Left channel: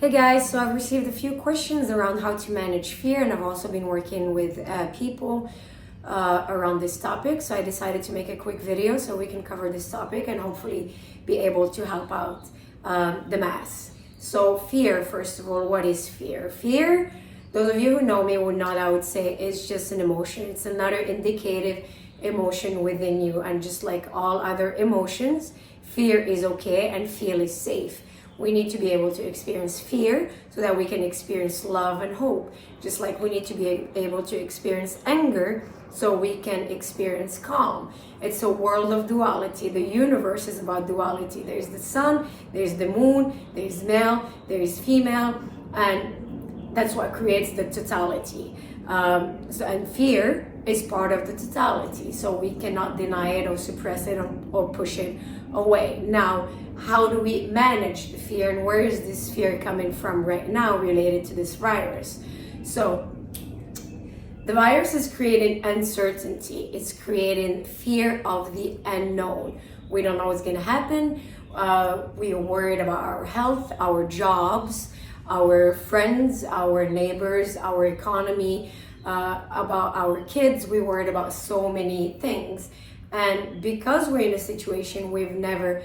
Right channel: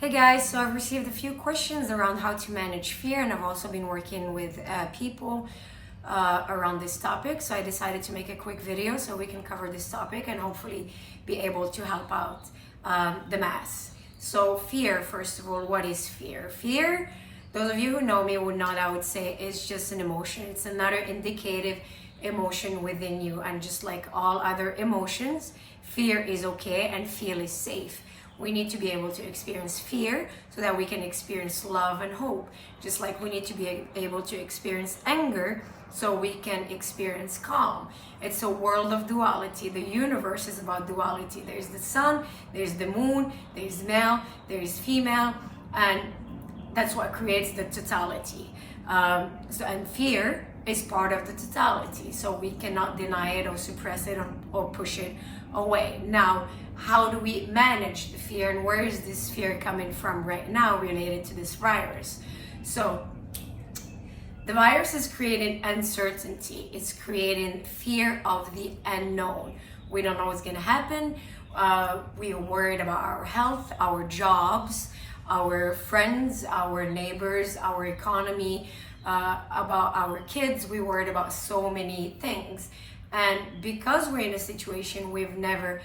Hey guys, so I've received a few questions around how to manage fear, and I've also been working with people around this topic. So I decided to make a quick video so we can cover this topic and hopefully be able to help out the mass. So fear, first of all, what is fear? Fear, those of you who know me would know, I would say, is just an emotion. It's another indicative emotion within you, and just like all other emotions, fear is okay and feel is safe. We need to be able to experience fear so that we can experience love and hope. Just like we need to be able to experience anger so we can experience calm. It's a world of duality. The universe is about duality. There's the sun, there's the moon, there's male, there's female, and that's what creates the totality. And fear is part of the totality, so we cannot deny it or suppress it or push it away. Now, how do we manage the fear, and where is this fear coming from right now related to this virus? So the virus is creating uncertainty. It's creating fear of the unknown. We don't know what's going to happen. We are worried about our health, our jobs, our friends, our neighbors, our economy, about our kids. We're worried about so many things. And because we're in a situation we've never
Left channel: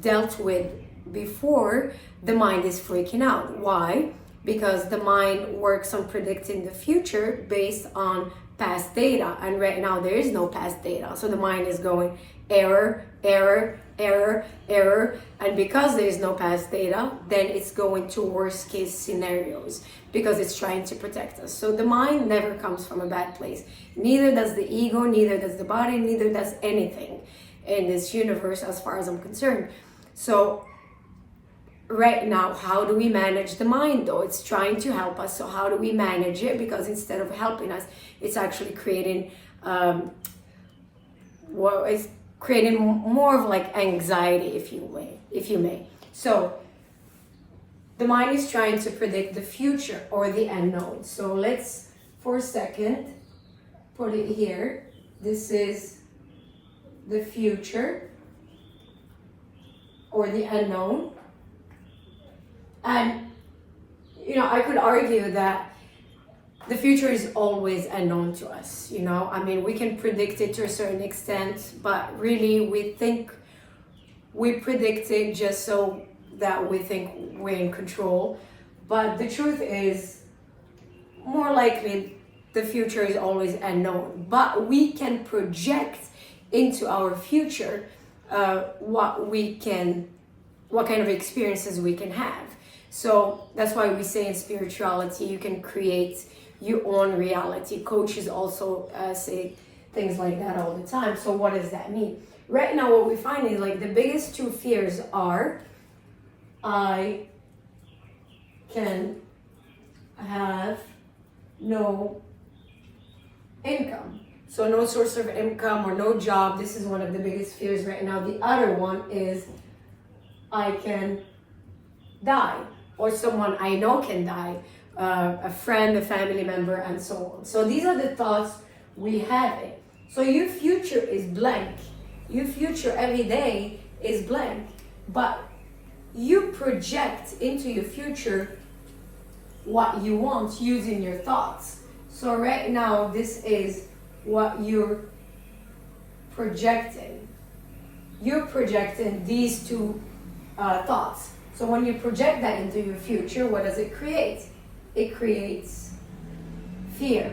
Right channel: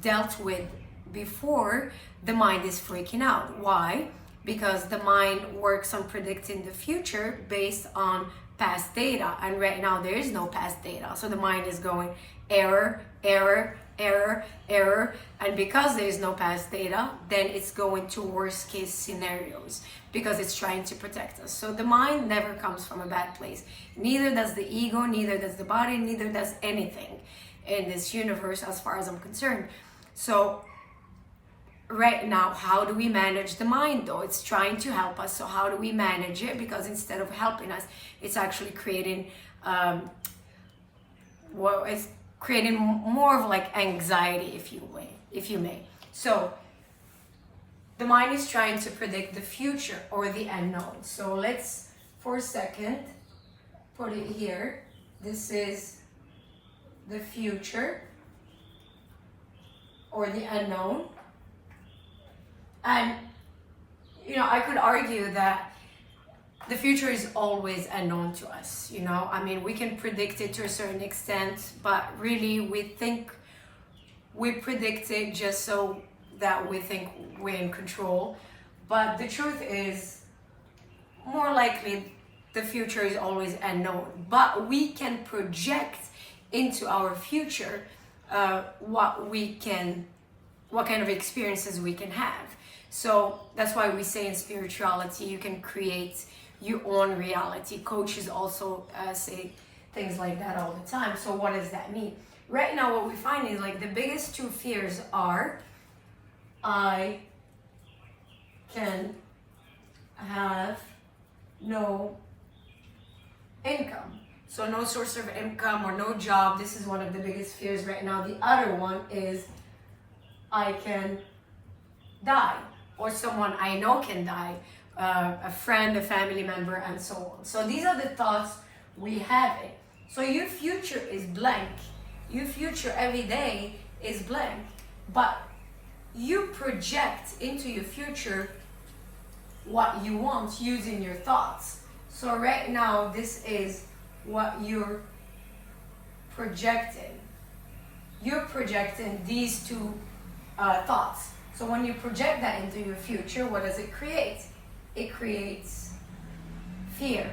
dealt with before, the mind is freaking out. Why? Because the mind works on predicting the future based on past data, and right now there is no past data, so the mind is going error, error, error, error, and because there is no past data, then it's going to worst case scenarios because it's trying to protect us. So the mind never comes from a bad place. Neither does the ego, neither does the body, neither does anything in this universe as far as I'm concerned. So right now, how do we manage the mind though? It's trying to help us. So how do we manage it? Because instead of helping us, it's actually creating it's creating more of like anxiety, if you may. So the mind is trying to predict the future or the unknown. So let's for a second put it here. This is the future or the unknown. And, I could argue that the future is always unknown to us, I mean, we can predict it to a certain extent, but really we predict it just so that we think we're in control. But the truth is, more likely, the future is always unknown. But we can project into our future what kind of experiences we can have. So that's why we say in spirituality, you can create your own reality. Coaches also say things like that all the time. So what does that mean? Right now, what we find is like the biggest two fears are, I can have no income. So no source of income or no job. This is one of the biggest fears right now. The other one is I can die, or someone I know can die, a friend, a family member, and so on. So these are the thoughts we have. So your future is blank. Your future every day is blank, but you project into your future what you want using your thoughts. So right now, this is what you're projecting. You're projecting these two thoughts. So when you project that into your future, what does it create? It creates fear,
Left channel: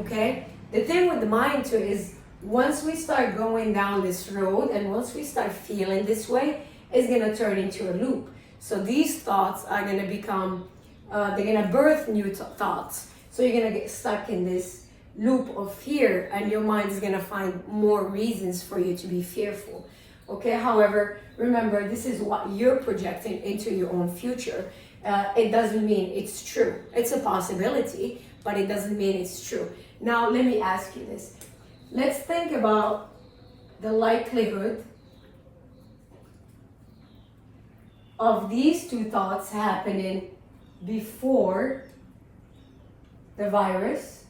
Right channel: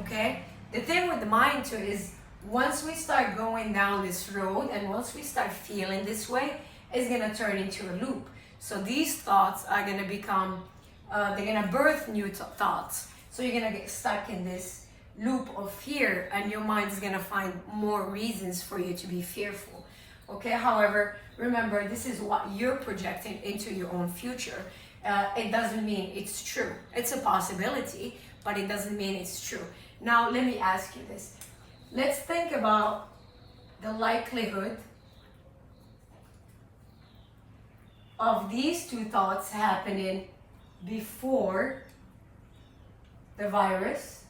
okay? The thing with the mind too is once we start going down this road and once we start feeling this way, it's gonna turn into a loop. So these thoughts are gonna become, they're gonna birth new thoughts. So you're gonna get stuck in this loop of fear, and your mind is gonna find more reasons for you to be fearful. Okay, however, remember, this is what you're projecting into your own future. It doesn't mean it's true. It's a possibility, but it doesn't mean it's true. Now, let me ask you this. Let's think about the likelihood of these two thoughts happening before the virus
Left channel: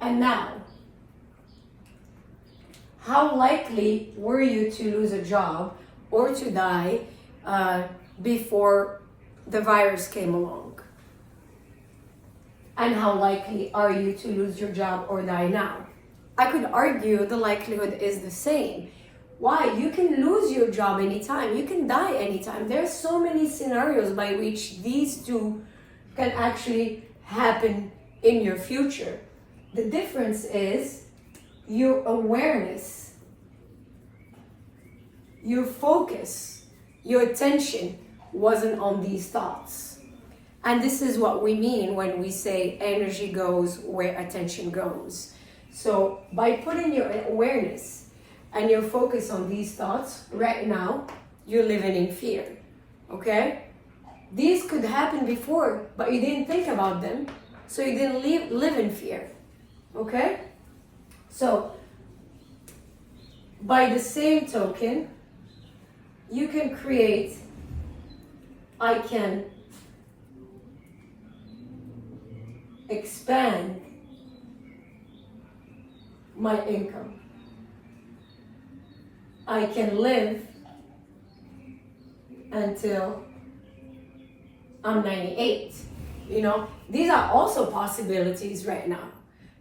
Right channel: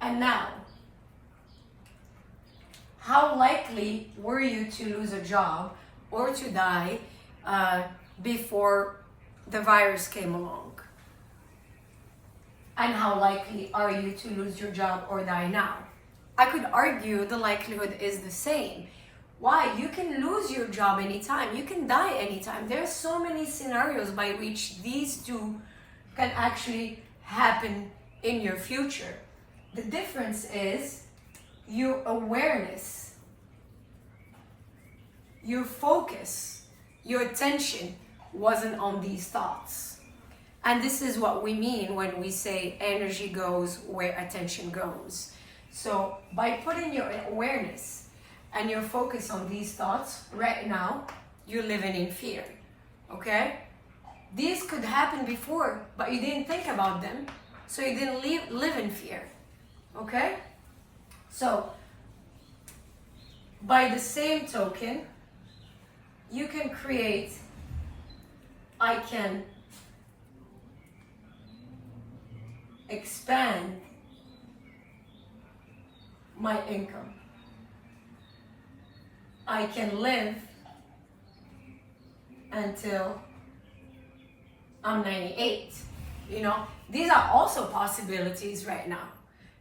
and now. How likely were you to lose a job or to die before the virus came along? And how likely are you to lose your job or die now? I could argue the likelihood is the same. Why? You can lose your job anytime. You can die anytime. There's so many scenarios by which these two can actually happen in your future. The difference is your awareness, your focus, your attention wasn't on these thoughts. And this is what we mean when we say energy goes where attention goes. So by putting your awareness and your focus on these thoughts right now, you're living in fear, okay? These could happen before, but you didn't think about them, so you didn't live in fear, okay? So by the same token, you can create, I can expand my income. I can live until I'm 98. You know, these are also possibilities right now.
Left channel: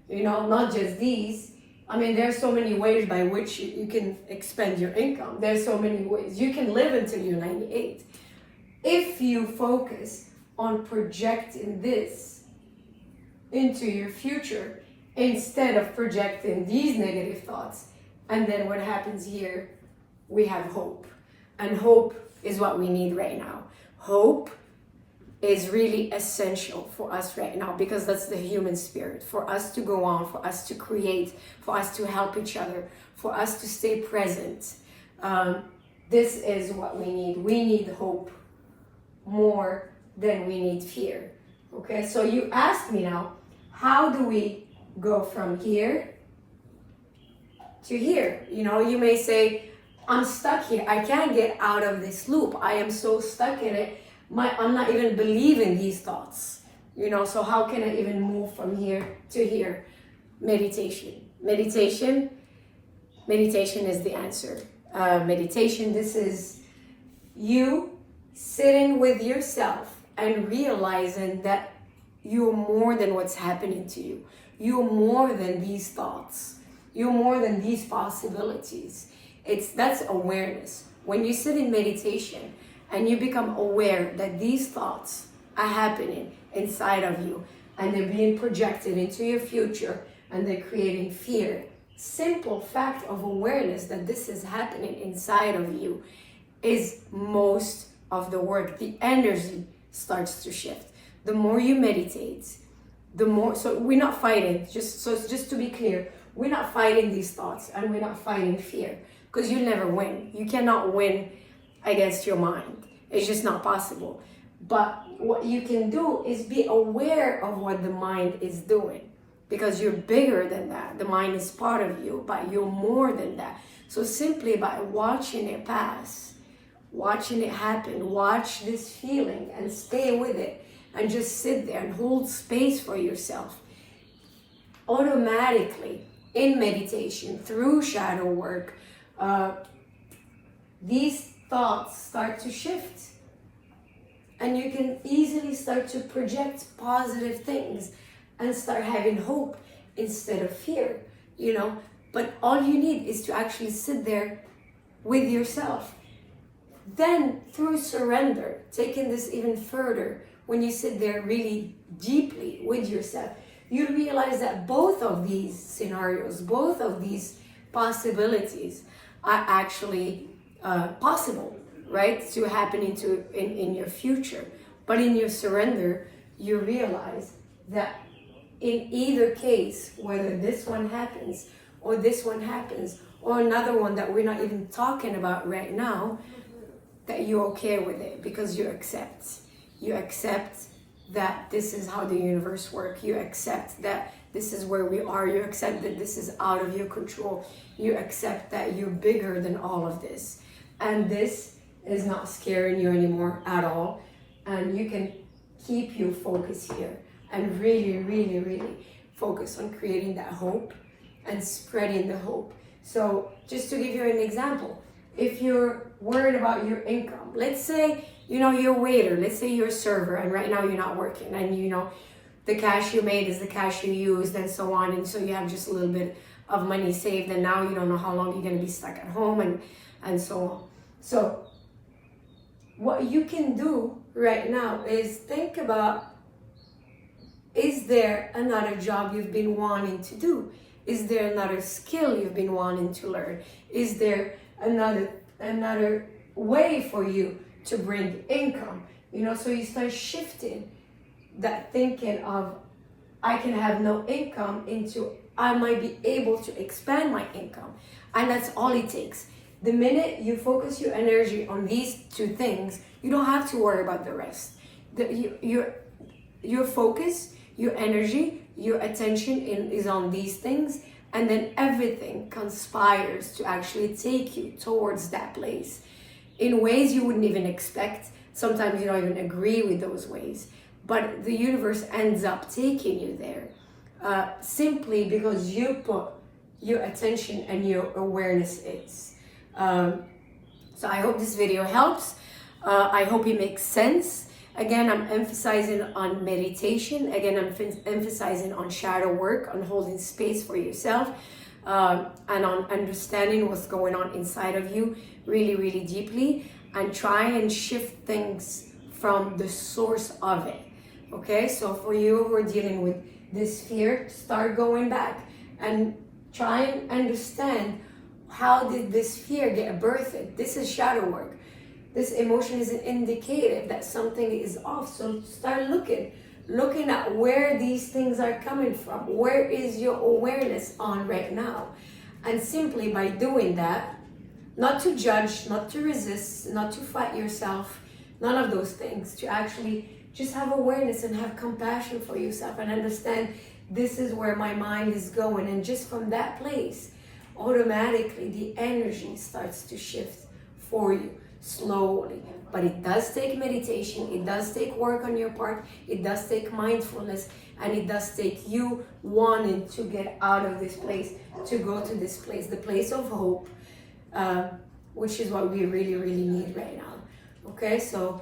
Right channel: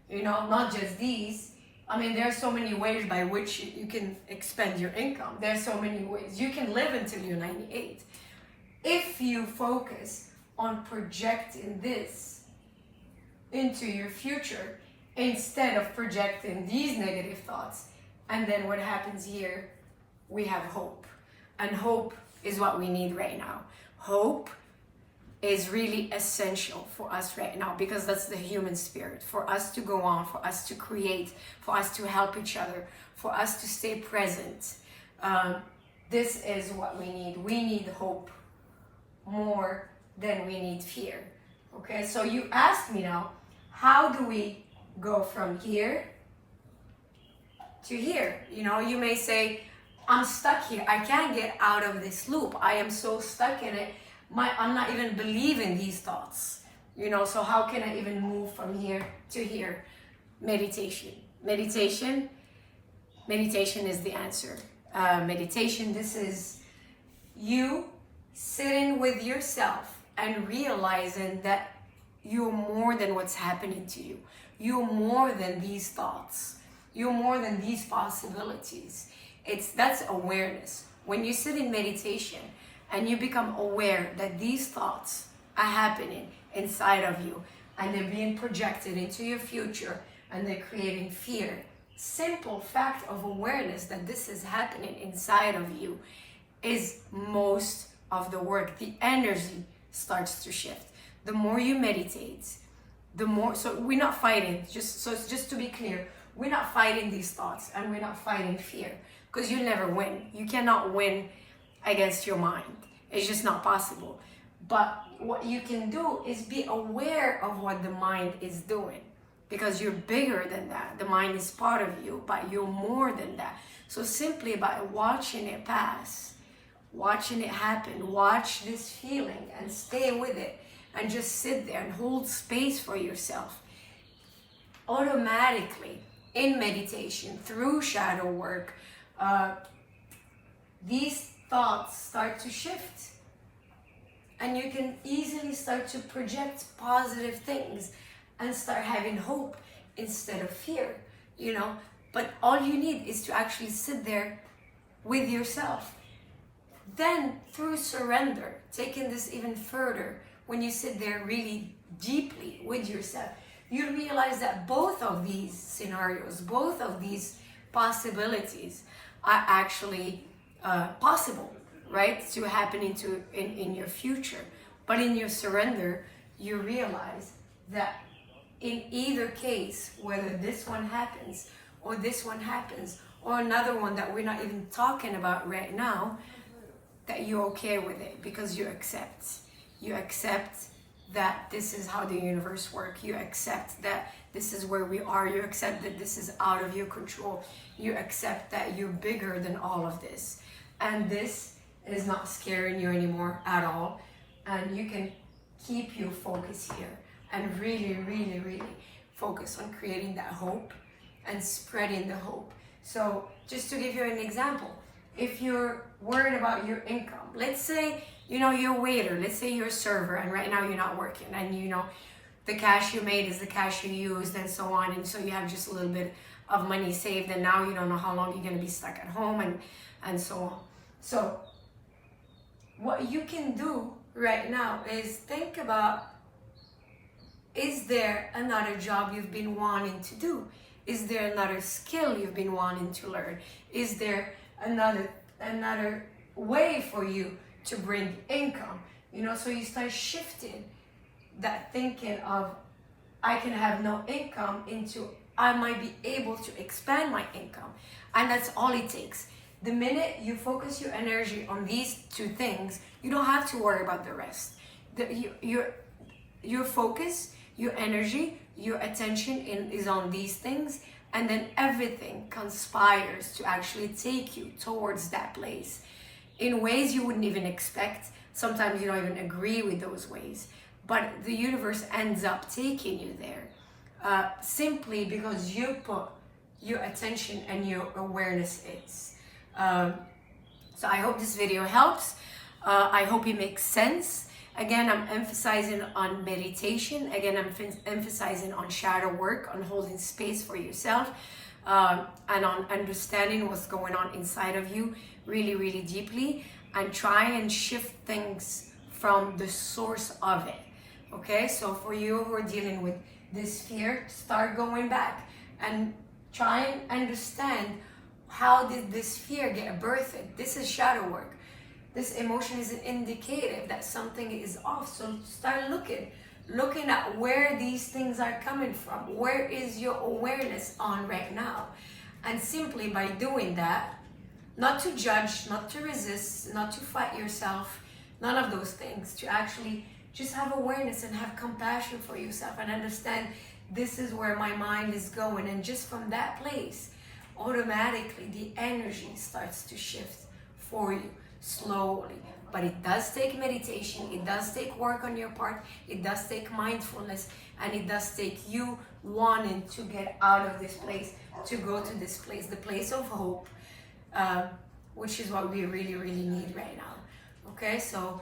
You know, not just these. I mean, there's so many ways by which you can expand your income. There's so many ways. You can live until you're 98. If you focus on projecting this into your future instead of projecting these negative thoughts, and then what happens here, we have hope. And hope is what we need right now. Hope is really essential for us right now because that's the human spirit. For us to go on, for us to create, for us to help each other, for us to stay present. This is what we need. We need hope more than we need fear. Okay, so you asked me now, how do we go from here to here? You know, you may say, I'm stuck here. I can't get out of this loop. I am so stuck in it. I'm not even believing these thoughts. You know, so how can I even move from here to here? Meditation. Meditation is the answer. Meditation, this is you sitting with yourself and realizing that you're more than what's happening to you. You're more than these thoughts. You're more than these possibilities. That's awareness. When you sit in meditation and you become aware that these thoughts are happening inside of you and they're being projected into your future and they're creating fear, simple fact of awareness that this is happening inside of you is most of the work. The energy starts to shift. The more you meditate, the more, so we're not fighting, just to be clear, we're not fighting these thoughts and we're not fighting fear because you'll never win. You cannot win against your mind. It's just not possible. But what you can do is be aware of what the mind is doing because you're bigger than that. The mind is part of you, but you're more than that. So simply by watching it pass, watching it happen, watch this feeling and stay with it and just sit there and hold space for yourself. Automatically, in meditation, through shadow work, these thoughts start to shift. And you can easily start to project positive things and start having hope instead of fear, you know. But all you need is to actually sit there with yourself. Then through surrender, taking this even further, when you sit there really deeply with yourself, you realize that both of these scenarios, both of these possibilities are actually possible, right, to happen in your future. But in your surrender, you realize that in either case, whether this one happens or this one happens or another one that we're not even talking about right now, that you're okay with it because you accept that this is how the universe works. You accept that this is where we are. You accept that this is out of your control. You accept that you're bigger than all of this. And this is not scaring you anymore at all. And you can keep your focus here and really, really, really focus on creating that hope and spreading the hope. So just to give you an example, if you're worried about your income, let's say, you're a waiter, let's say you're a server, and right now you're not working, and the cash you made is the cash you used, and so on, and so you have just a little bit of money saved, and now you don't know how long you're going to be stuck at home, and so on. So what you can do right now is think about, is there another job you've been wanting to do? Is there another skill you've been wanting to learn? Is there another way for you to bring income? So you start shifting that thinking of, I can have no income, into I might be able to expand my income. And that's all it takes. The minute you focus your energy on these two things, you don't have to worry about the rest. Your focus, your energy, your attention is on these things, and then everything conspires to actually take you towards that place in ways you wouldn't even expect. Sometimes you don't even agree with those ways, but the universe ends up taking you there simply because you put your attention and your awareness is. So I hope this video helps. I hope it makes sense. Again, I'm emphasizing on meditation. Again, I'm emphasizing on shadow work, on holding space for yourself, and on understanding what's going on inside of you really, really deeply, and try and shift things from the source of it. Okay, so for you who are dealing with this fear, start going back and try and understand, how did this fear get birthed? This is shadow work. This emotion is an indicator that something is off. So start looking at where these things are coming from. Where is your awareness on right now? And simply by doing that, not to judge, not to resist, not to fight yourself, none of those things, to actually just have awareness and have compassion for yourself and understand, this is where my mind is going. And just from that place, automatically the energy starts to shift for you slowly. But it does take meditation, it does take work on your part, it does take mindfulness, and it does take you wanting to get out of this place, to go to this place, the place of hope, which is what we really, really need right now. Okay, so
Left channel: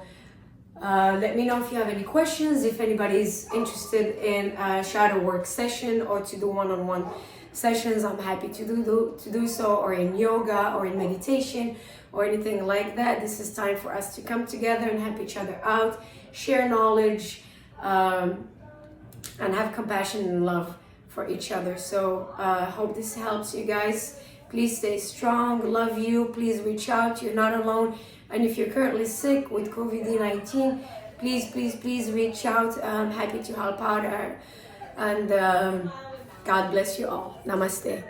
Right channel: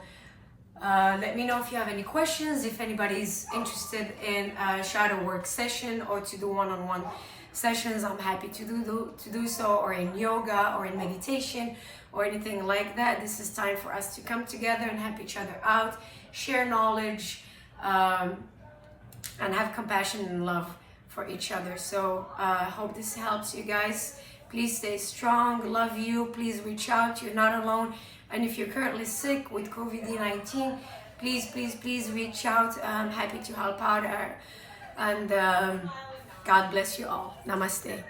let me know if you have any questions. If anybody's interested in a shadow work session or to do one-on-one sessions, I'm happy to do so, or in yoga or in meditation or anything like that. This is time for us to come together and help each other out, share knowledge, and have compassion and love for each other. So I hope this helps you guys. Please stay strong. Love you. Please reach out. You're not alone. And if you're currently sick with COVID-19, please reach out. I'm happy to help out. And God bless you all. Namaste.